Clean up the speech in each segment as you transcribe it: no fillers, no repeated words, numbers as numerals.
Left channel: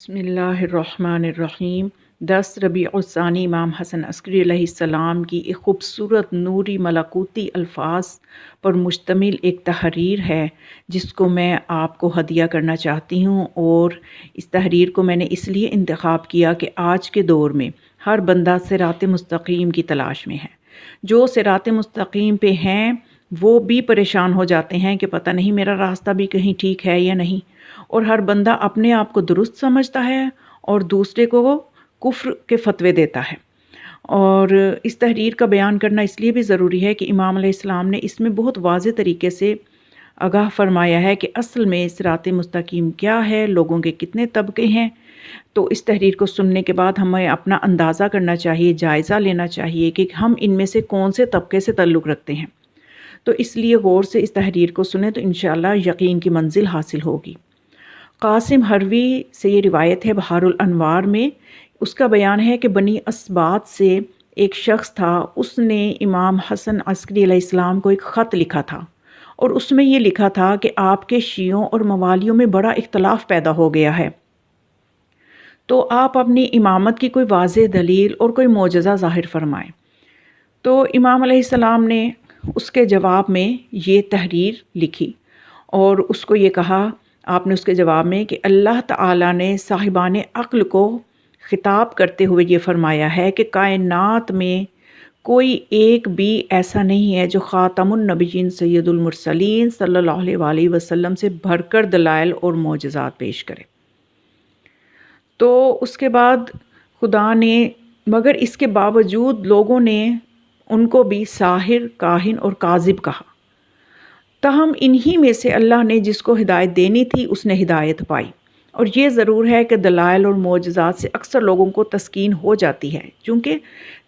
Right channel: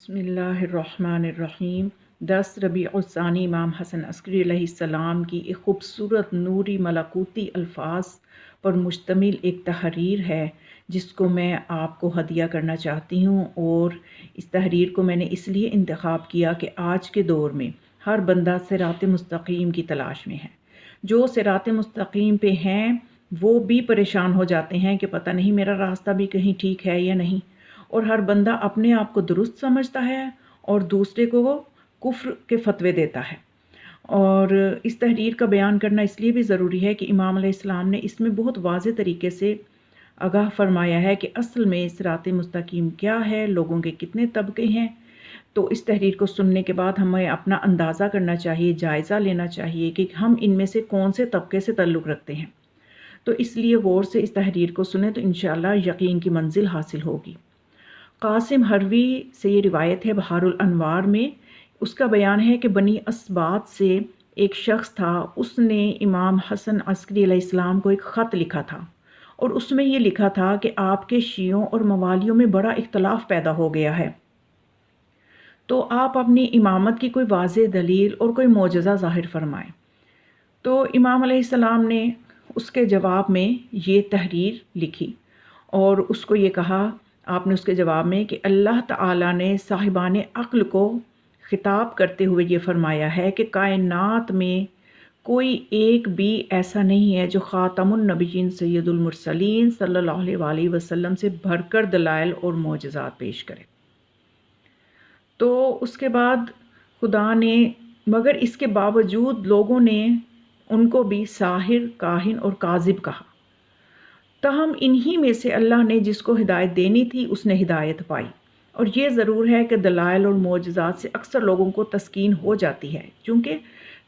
بسم اللہ الرحمن الرحیم 10 ربیع الثانی امام حسن عسکری علیہ السلام کی ایک خوبصورت نوری ملکوتی الفاظ پر مشتمل ایک تحریر ہے جس کو میں آپ کو ہدیہ کرنا چاہتی ہوں، اور اس تحریر کو میں نے اس لیے انتخاب کیا کہ آج کے دور میں ہر بندہ صراط مستقیم کی تلاش میں ہے۔ جو صراط مستقیم پہ ہیں وہ بھی پریشان ہو جاتے ہیں کہ پتہ نہیں میرا راستہ بھی کہیں ٹھیک ہے یا نہیں، اور ہر بندہ اپنے آپ کو درست سمجھتا ہے اور دوسرے کو وہ کفر کے فتوے دیتا ہے۔ اور اس تحریر کا بیان کرنا اس لیے بھی ضروری ہے کہ امام علیہ السلام نے اس میں بہت واضح طریقے سے آگاہ فرمایا ہے کہ اصل میں صراط مستقیم کیا ہے، لوگوں کے کتنے طبقے ہیں۔ تو اس تحریر کو سننے کے بعد ہمیں اپنا اندازہ کرنا چاہیے، جائزہ لینا چاہیے کہ ہم ان میں سے کون سے طبقے سے تعلق رکھتے ہیں۔ تو اس لیے غور سے اس تحریر کو سنیں تو انشاءاللہ یقین کی منزل حاصل ہوگی۔ قاسم حروی سے یہ روایت ہے بحار الانوار میں، اس کا بیان ہے کہ بنی اسباط سے ایک شخص تھا، اس نے امام حسن عسکری علیہ السلام کو ایک خط لکھا تھا، اور اس میں یہ لکھا تھا کہ آپ کے شیعوں اور موالیوں میں بڑا اختلاف پیدا ہو گیا ہے، تو آپ اپنی امامت کی کوئی واضح دلیل اور کوئی معجزہ ظاہر فرمائیں۔ تو امام علیہ السلام نے اس کے جواب میں یہ تحریر لکھی، اور اس کو یہ کہا، آپ نے اس کے جواب میں کہ اللہ تعالیٰ نے صاحبان عقل کو خطاب کرتے ہوئے یہ فرمایا ہے کہ کائنات میں کوئی ایک بھی ایسا نہیں ہے جو خاتم النبیین سید المرسلین صلی اللہ علیہ وآلہ وسلم سے بڑھ کر دلائل اور معجزات پیش کرے۔ تو اس کے بعد خدا نے مگر اس کے باوجود لوگوں نے ان کو بھی ساحر، کاہن اور کاذب کہا، تاہم انہی میں سے اللہ نے جس کو ہدایت دینی تھی اس نے ہدایت پائی۔ اور یہ ضرور ہے کہ دلائل اور معجزات سے اکثر لوگوں کو تسکین ہو جاتی ہے، چونکہ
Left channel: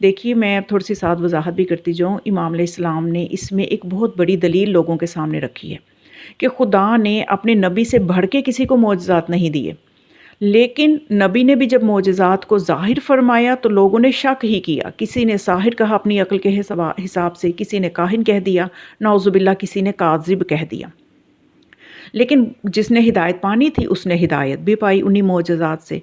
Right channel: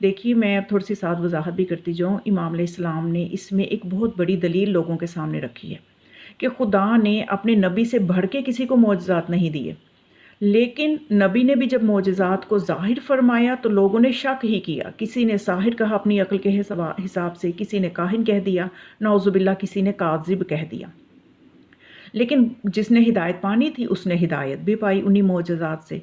دیکھیے میں تھوڑی سی ساتھ وضاحت بھی کرتی جاؤں، امام علیہ السلام نے اس میں ایک بہت بڑی دلیل لوگوں کے سامنے رکھی ہے کہ خدا نے اپنے نبی سے بڑھ کے کسی کو معجزات نہیں دیے، لیکن نبی نے بھی جب معجزات کو ظاہر فرمایا تو لوگوں نے شک ہی کیا، کسی نے ساحر کہا اپنی عقل کے حساب سے، کسی نے کاہن کہہ دیا، نعوذ باللہ کسی نے کاذب کہہ دیا۔ لیکن جس نے ہدایت پانی تھی اس نے ہدایت بھی پائی انہی معجزات سے۔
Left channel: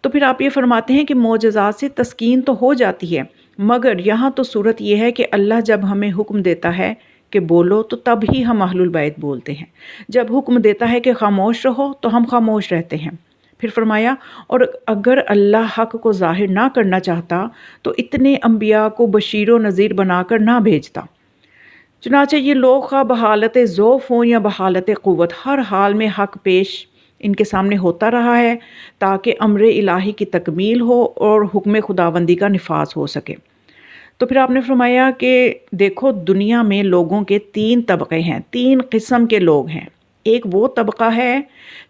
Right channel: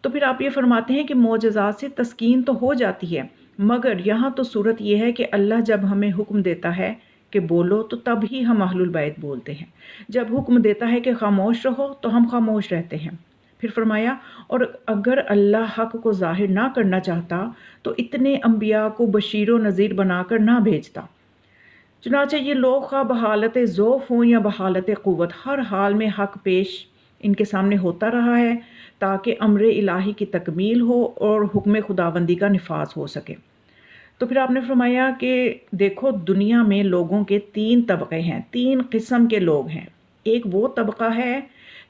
تو پھر آپ یہ فرماتے ہیں کہ معجزات سے تسکین تو ہو جاتی ہے، مگر یہاں تو صورت یہ ہے کہ اللہ جب ہمیں حکم دیتا ہے کہ بولو تو تب ہی ہم اہل البیت بولتے ہیں، جب حکم دیتا ہے کہ خاموش رہو تو ہم خاموش رہتے ہیں۔ پھر فرمایا، اور اگر اللہ حق کو ظاہر نہ کرنا چاہتا تو اتنے انبیاء کو بشیر و نذیر بنا کر نہ بھیجتا۔ چنانچہ یہ لوگ خواہ بحالت ضعف ہوں یا بحالت قوت، ہر حال میں حق پیش ان کے سامنے ہوتا رہا ہے تاکہ امر الہی کی تکمیل ہو اور حکم خداوندی کا نفاذ ہو سکے۔ تو پھر آپ نے فرمایا کہ دیکھو دنیا میں لوگوں کے 3 طبقے ہیں، 3 قسم کے لوگ ہیں۔ ایک وہ طبقہ ہے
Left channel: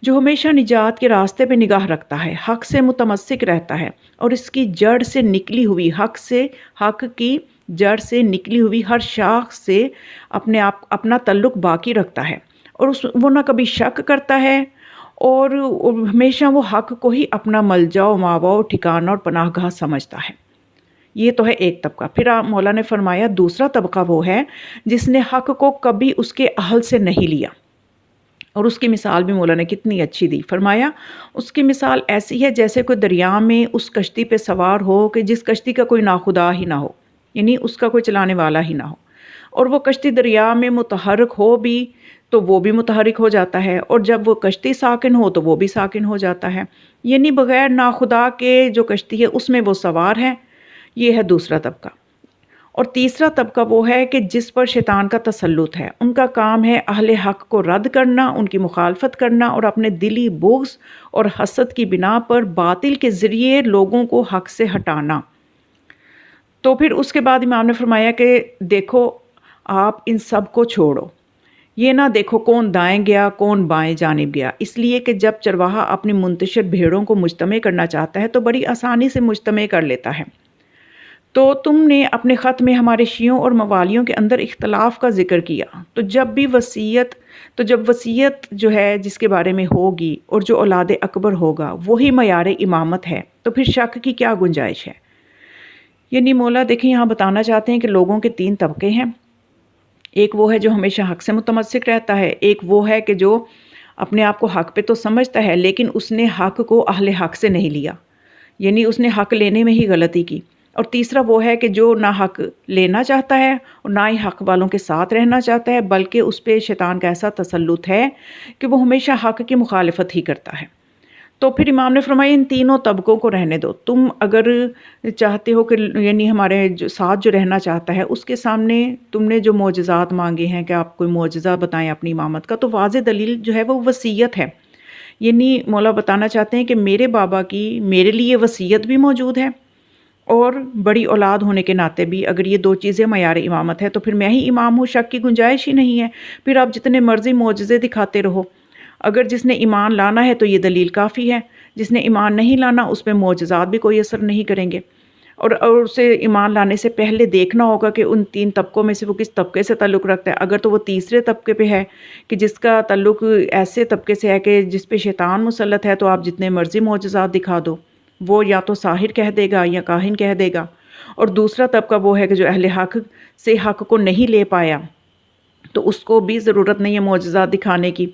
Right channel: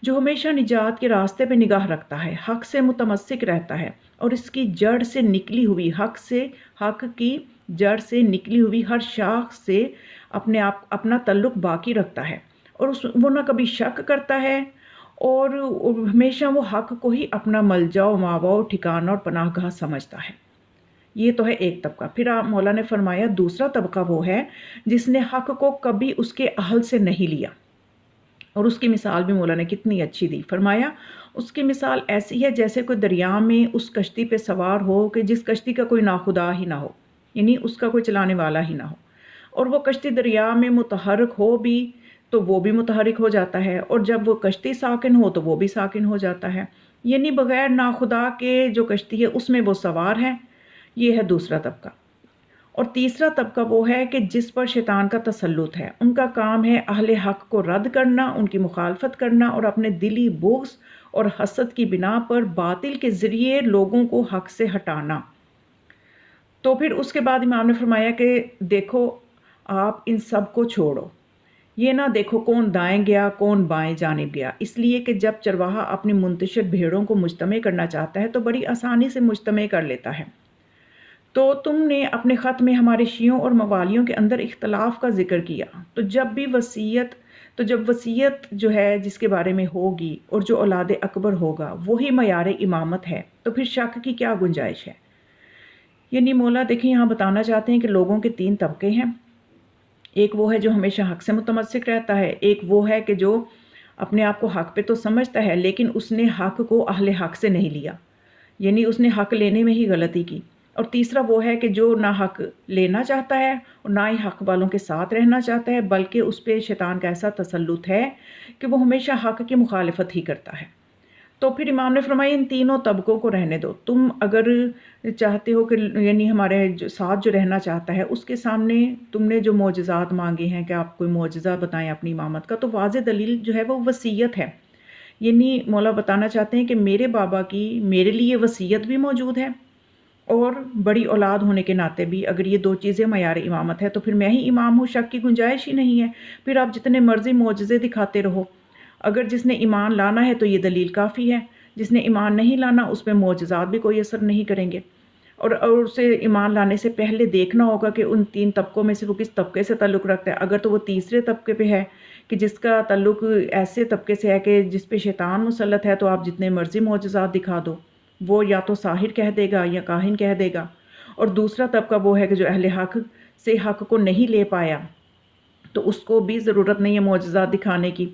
جو ہمیشہ نجات کے راستے پہ نگاہ رکھتا ہے، حق سے متمسک رہتا ہے، اور اس کی جڑ سے نکلی ہوئی حق کی جڑ سے نکلی ہوئی ہر شاخ سے اپنا تعلق باقی رکھتا ہے، اور وہ نہ کبھی شک کرتا ہے، اور ہمیشہ وہ حق کو ہی اپنا ملجا و ماوا و ٹھکانہ اور پناہ گاہ سمجھتا ہے۔ یہ تو ہے ایک طبقہ۔ پھر مولا نے فرمایا دوسرا طبقہ وہ ہے جس نے حق کو کبھی اس کے اہل سے نہیں لیا، اور اس کی مثال بھی مولا نے کتنی اچھی دی۔ فرمایا اس کی مثال ایسی ہے جیسے کوئی دریا میں اس کشتی پہ سوار ہو کہ جس کشتی کا کوئی ناخدا ہی نہ ہو، یعنی اس کا کوئی چلانے والا ہی نہ ہو، اور وہ کشتی دریا میں متحرک ہو بھی تو وہ بھی متحرک ہو جاتا ہے، اور جب وہ کشتی ساکن ہو تو وہ بھی ساکن ہو جاتا ہے، یعنی بغیر ناخدا کے جو کشتی ہے اس میں وہ سوار ہے۔ یہ ہے دوسرا طبقہ۔ اور تیسرا طبقہ وہ ہے کہ جس پر شیطان کا تسلط ہے، ان کا کام ہے اہل حق کو رد کرنا، ان کی مخالفت کرنا، اور اپنے دلی بغض اور حسد کی بنا پر باطل کے ذریعے لوگوں کو حق سے ہٹانا۔ تو پھر اس کے بعد امام نے فرمایا کہ دیکھو آپ ان سب کو چھوڑو، یہ نہ دیکھو کون دائیں گیا کون بائیں جانب گیا، اس لیے کہ جب چرواہا اپنی منتشر بھیڑوں کو مجتمع کرنا چاہتا ہے تو بڑی آسانی سے مجتمع کر لیتا ہے۔ تو تم نے اپنے خط میں ہمارے شیعوں اور موالیوں کے اندر اختلاف کا ذکر کیا، تو جب وصیت جو ہے جس کے بارے میں ہوگی اور جو اولاد اکبر ہوگا وہی معیار امامت ہے، تو پھر شک کی کیا گنجائش ہے۔ یعنی مولا دیکھیں یہاں بتانا چاہتے ہیں کہ لوگوں کے 3 طبقے ہیں، ایک وہ ہے جو ہمیشہ حق سے متمسک رہتا ہے، ایک وہ ہے کہ جو اپنے آپ کو حق پہ تو سمجھتا ہے، لیکن اس نے حق کو اہل حق سے نہیں لیا، یعنی اس نے حق لینے میں ہی غلطی کی۔ اور تیسرا وہ ہے کہ جو نہ حق لینا چاہتا ہے اور نہ ہی حق والوں کے ساتھ رہنا چاہتا ہے، بلکہ اس پہ شیطان کا ایسا تسلط ہے کہ وہ ہمیشہ حق کی مخالفت ہی کرتا ہے۔ تو پھر امام نے فرمایا ان تینوں طبقوں کو رہنے دو، تم اگر چاہتے ہو کہ یعنی ہمارے ساتھ جو رہنا چاہتا ہے اس کے سامنے تم نے جو معجزات مانگے ہیں کہ آپ کوئی معجزہ بتائیں اپنی امامت کا، تو واضح دلیل جو ہے وہ وصیت ہے۔ یعنی مولا بتانا چاہتے ہیں کہ میرے بابا کی میرے لیے وصیت بھی موجود ہے، اور بڑی اولاد ہونے کے ناطے بھی اگر یہ دو چیزیں معیار امامت ہے تو پھر میں ہی امام ہوں، شک کی گنجائش ہی نہیں ہے۔ پھر آپ جتنے مرضی معجزے دکھاتے رہو، اگر جس نے ایمان لانا ہے تو یہ دلیل کافی ہے، جس نے ایمان نہیں لانا اس پہ معجزات بھی کوئی اثر نہیں کریں گے۔ اور اسے ایمان لانے سے پہلے دیکھنا ہوگا کہ ان تین طبقوں میں سے وہ کس طبقے سے تعلق رکھتا ہے۔ اگر تو وہ تیسرے طبقے پہ ہے کہ جس کا تعلق ایسے طبقے سے ہے کہ جس پہ شیطان مسلط ہے، تو آپ جتنے مرضی معجزات دکھا دو، وہ یا تو ساحر کہہ دے گا یا کاہن کہہ دے گا۔ اور دوسرا طبقہ وہ ہے کہ جو اہل حق سے حق کو نہیں لے پایا، تو اس کو بھی ضرورت نہیں ہے معجزات دکھانے کی،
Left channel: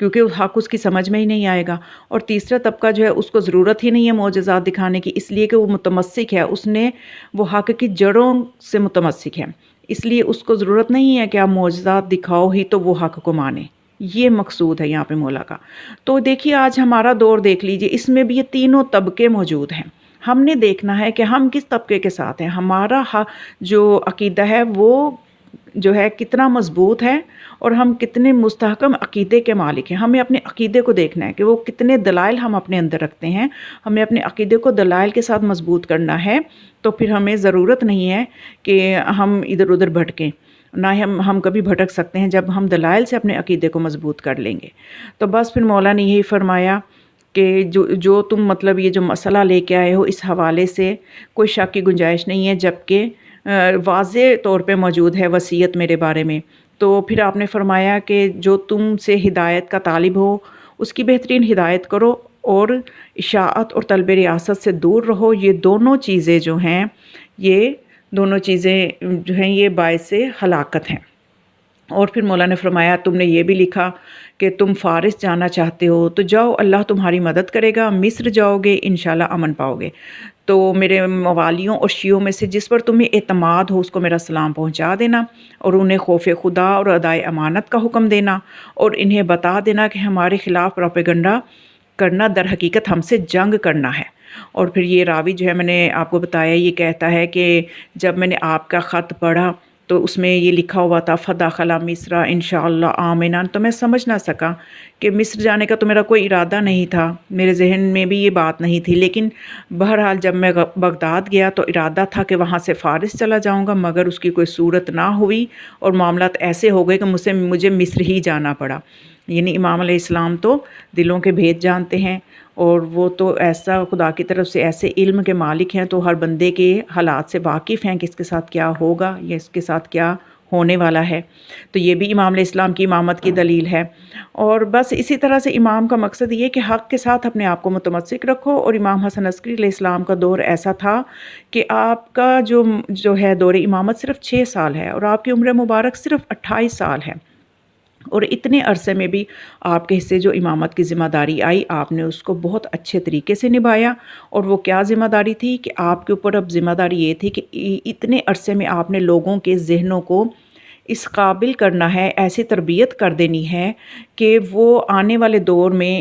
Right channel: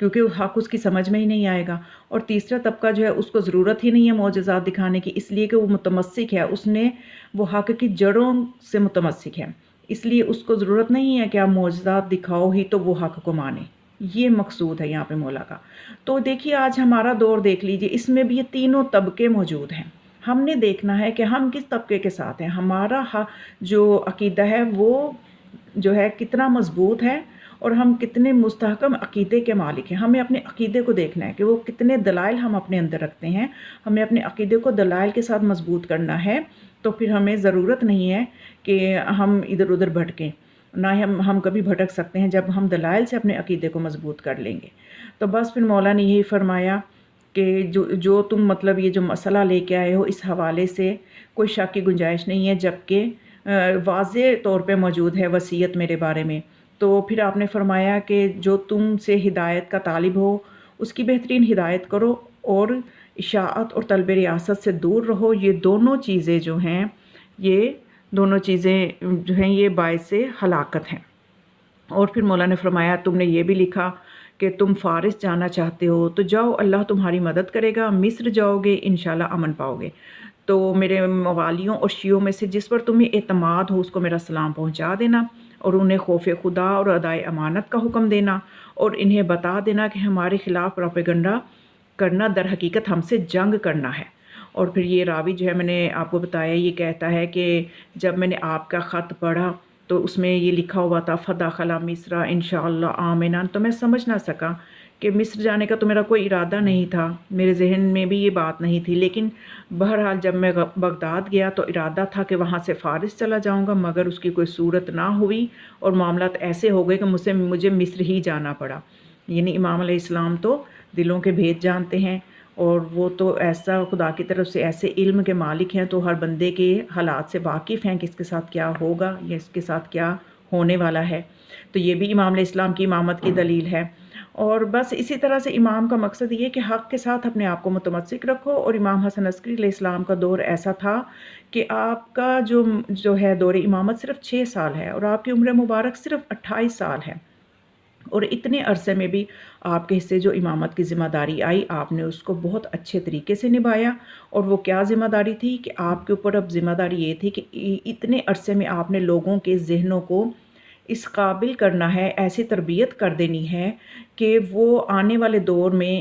کیونکہ حق اس کی سمجھ میں ہی نہیں آئے گا۔ اور تیسرا طبقہ جو ہے اس کو ضرورت ہی نہیں ہے معجزات دکھانے کی، اس لیے کہ وہ متمسک ہے، اس نے وہ حق کی جڑوں سے متمسک ہے، اس لیے اس کو ضرورت نہیں ہے کہ آپ معجزات دکھاؤ ہی تو وہ حق کو مانے۔ یہ مقصود ہے یہاں پہ مولا کا۔ تو دیکھیے آج ہمارا دور دیکھ لیجئے، اس میں بھی یہ تینوں طبقے موجود ہیں۔ ہم نے دیکھنا ہے کہ ہم کس طبقے کے ساتھ ہیں، ہمارا جو عقیدہ ہے وہ جو ہے کتنا مضبوط ہے، اور ہم کتنے مستحکم عقیدے کے مالک ہیں۔ ہمیں اپنے عقیدے کو دیکھنا ہے کہ وہ کتنے دلائل ہم اپنے اندر رکھتے ہیں، ہمیں اپنے عقیدے کو دلائل کے ساتھ مضبوط کرنا ہے، تو پھر ہمیں ضرورت نہیں ہے کہ ہم ادھر ادھر بھٹکیں، نہ ہی ہم کبھی بھٹک سکتے ہیں جب ہم دلائل سے اپنے عقیدے کو مضبوط کر لیں گے۔ تو بس پھر مولا نے یہی فرمایا کہ جو تم مطلب یہ جو مسئلہ لے کے آئے ہو اس حوالے سے کوئی شک کی گنجائش نہیں ہے، جبکہ واضح طور پہ موجود ہے وصیت میرے بارے میں۔ تو پھر آپ نے فرمایا کہ جو تم سے ہدایت کا طالب ہو اس کی بہترین ہدایت کرو، اور اشاعت اور طلب ریاست سے دور رہو۔ یہ دونوں چیزیں جو ہیں، یہ دونوں چیزیں جو ہیں یہ باعث ہلاکت ہیں۔ اور پھر مولا نے فرمایا تم نے یہ بھی لکھا کہ تم فارس جانا چاہتے ہو تو جاؤ، اللہ تمہاری مدد کرے گا، مصر جاؤ گے انشاءاللہ امن پاؤ گے۔ تو میرے موالیوں اور شیعوں میں سے جس پر تمہیں اعتماد ہو اس کو میرا سلام پہنچا دینا، اور انہیں خوف خدا اور ادائے امانت کا حکم دینا، اور انہیں بتا دینا کہ ہمارے خلاف پروپیگنڈا کرنا در حقیقت ہم سے جنگ کرنا ہے۔ اور پھر یہ راوی جو ہے میں نے آپ کو بتایا، یہ کہتا ہے کہ جب میں نے آپ کا خط پڑھا تو اس میں یہ لکھا ہوا تھا فدخل مصر انشاءاللہ آمنا، تو میں سمجھ نہ سکا کہ مصر جانے کا تو میرا کوئی ارادہ نہیں تھا، میرے ذہن میں بھی یہ بات نہیں تھی، لیکن بہرحال جب میں بغداد گیا تو ارادہ تھا کہ وہاں سے فارس چلا جاؤں گا، مگر اس کی کوئی صورت نہ ہوئی اور معاملات ایسے ہو گئے کہ مجھے مصر ہی جانا پڑا۔ یعنی امام علیہ السلام تو دلوں کے بھید جانتے ہیں، اور وہ تو ایسا خدا کی طرف سے ایسے علم کے مالک ہیں، تو ہر بندے کے حالات سے واقف ہیں کہ اس کے ساتھ کیا ہوگا یا اس کے ساتھ کیا ہونے والا ہے۔ تو یہ بھی امام علیہ السلام کی امامت کی دلیل ہے۔ اور بس اسی طرح سے امام کا مقصد یہ کہ حق کے ساتھ اپنے آپ کو متمسک رکھو۔ اور امام حسن عسکری علیہ السلام کا دور ایسا تھا کہ آپ کا جو ہے دور امامت صرف 6 سال ہے، اور آپ کی عمر مبارک صرف 28 سال ہے، اور اتنے عرصے میں بھی آپ کے حصے جو امامت کی ذمہ داری آئی آپ نے اس کو بہت اچھے طریقے سے نبھایا۔ اور وہ کیا ذمہ داری تھی کہ آپ کے اوپر اب ذمہ داری یہ تھی کہ اتنے عرصے میں آپ نے لوگوں کے ذہنوں کو اس قابل کرنا ہے، ایسی تربیت کر دینی ہے کہ وہ آنے والے دور میں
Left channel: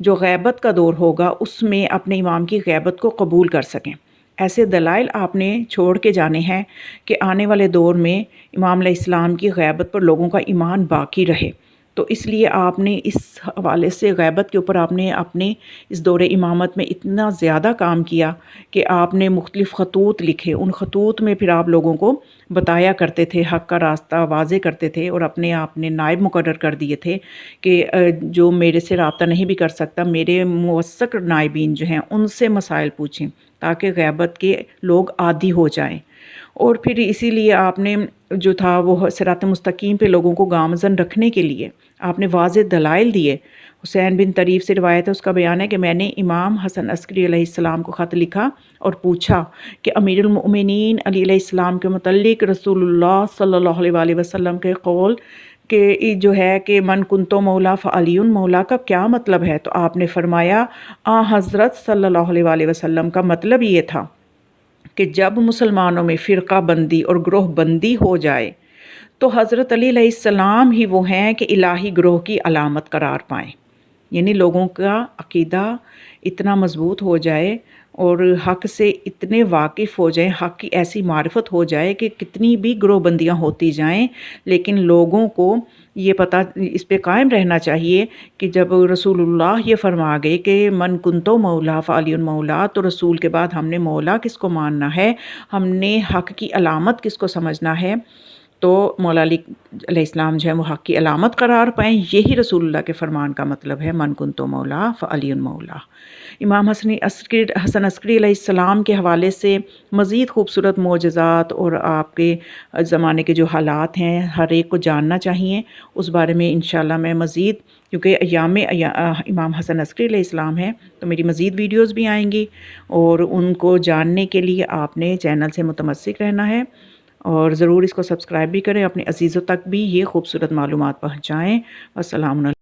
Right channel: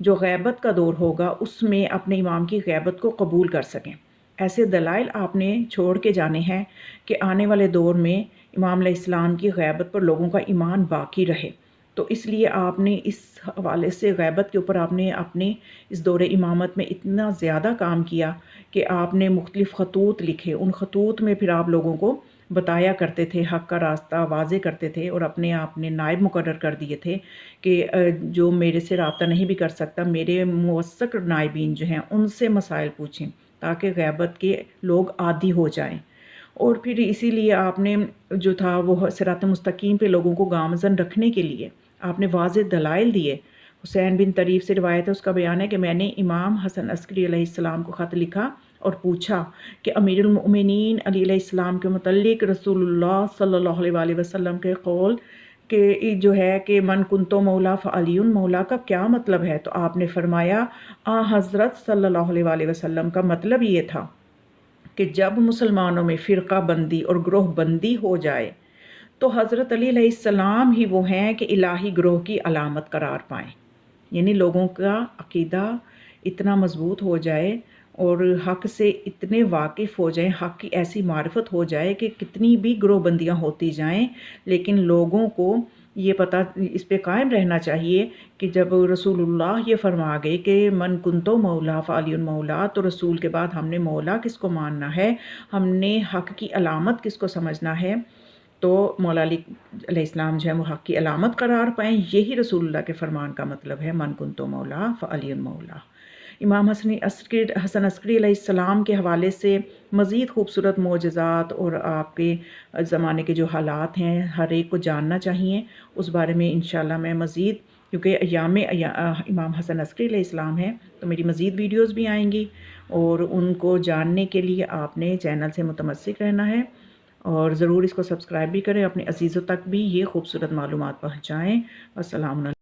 جو غیبت کا دور ہوگا اس میں اپنے امام کی غیبت کو قبول کر سکیں۔ ایسے دلائل آپ نے چھوڑ کے جانے ہیں کہ آنے والے دور میں امام علیہ السلام کی غیبت پر لوگوں کا ایمان باقی رہے۔ تو اس لیے آپ نے اس حوالے سے غیبت کے اوپر آپ نے اپنے اس دور امامت میں اتنا زیادہ کام کیا کہ آپ نے مختلف خطوط لکھے، ان خطوط میں پھر آپ لوگوں کو بتایا کرتے تھے، حق کا راستہ واضح کرتے تھے، اور اپنے آپ نے نائب مقرر کر دیے تھے کہ جو میرے سے رابطہ نہیں بھی کر سکتا، میرے موثق نائبین جو ہیں ان سے مسائل پوچھیں تاکہ غیبت کے لوگ عادی ہو جائیں۔ اور پھر اسی لیے آپ نے جو تھا وہ صراط مستقیم پہ لوگوں کو گامزن رکھنے کے لیے آپ نے واضح دلائل دیے۔ حسین بن طریف سے روایت ہے، اس کا بیان ہے کہ میں نے امام حسن عسکری علیہ السلام کو خط لکھا اور پوچھا کہ امیر المؤمنین علی علیہ السلام کے متعلق رسول اللہ صلی اللہ علیہ وآلہ وسلم کے قول کہ جو ہے کہ من کنتو مولا فعلی مولا کا کیا مطلب ہے؟ تو آپ نے فرمایا حضرت صلی اللہ علیہ وآلہ وسلم کا مطلب یہ تھا کہ جب مسلمانوں میں فرقہ بندی اور گروہ بندی ہو جائے تو حضرت علی علیہ السلام ہی وہ ہیں کہ الہی گروہ کی علامت قرار پائیں، یعنی لوگوں کا عقیدہ اتنا مضبوط ہو جائے اور حق سے اتنے واقف ہو جائیں، حق کی ایسی معرفت ہو جائے کہ کتنی بھی گروہ بندیاں ہوتی جائیں لیکن لوگوں کو یہ پتہ اس پہ قائم رہنا چاہیے کہ جب رسول اللہ یہ فرما گئے کہ من کنتو مولا فعلی مولا، تو رسول کے بعد ہم نے مولا کس کو ماننا ہے، ہم نے حق کی علامت کس کو سمجھنا ہے، تو مولا علی علیہ السلام جو ہے وہ حق کی علامت قرار پائیں۔ یہی رسول اللہ کے فرمان کا مطلب ہے من کنتو مولا فعلی مولا۔ امام حسن عسکری علیہ السلام کے حوالے سے مزید خوبصورت معجزات اور آپ کے زمانے کے جو حالات ہیں ہر ایک کو جاننا چاہیے، اس بارے میں انشاءاللہ میں مزید، کیونکہ ایام امام حسن عسکری علیہ السلام ہیں تو میری مزید ویڈیوز بھی آئیں گی، اور ان کو جاننے کے لیے آپ نے چینل سے متمسک رہنا ہے اور ضرور اس کو سبسکرائب بھی کریں، اپنے عزیزوں تک بھی یہ خوبصورت معلومات پہنچائیں۔ السلام علیکم۔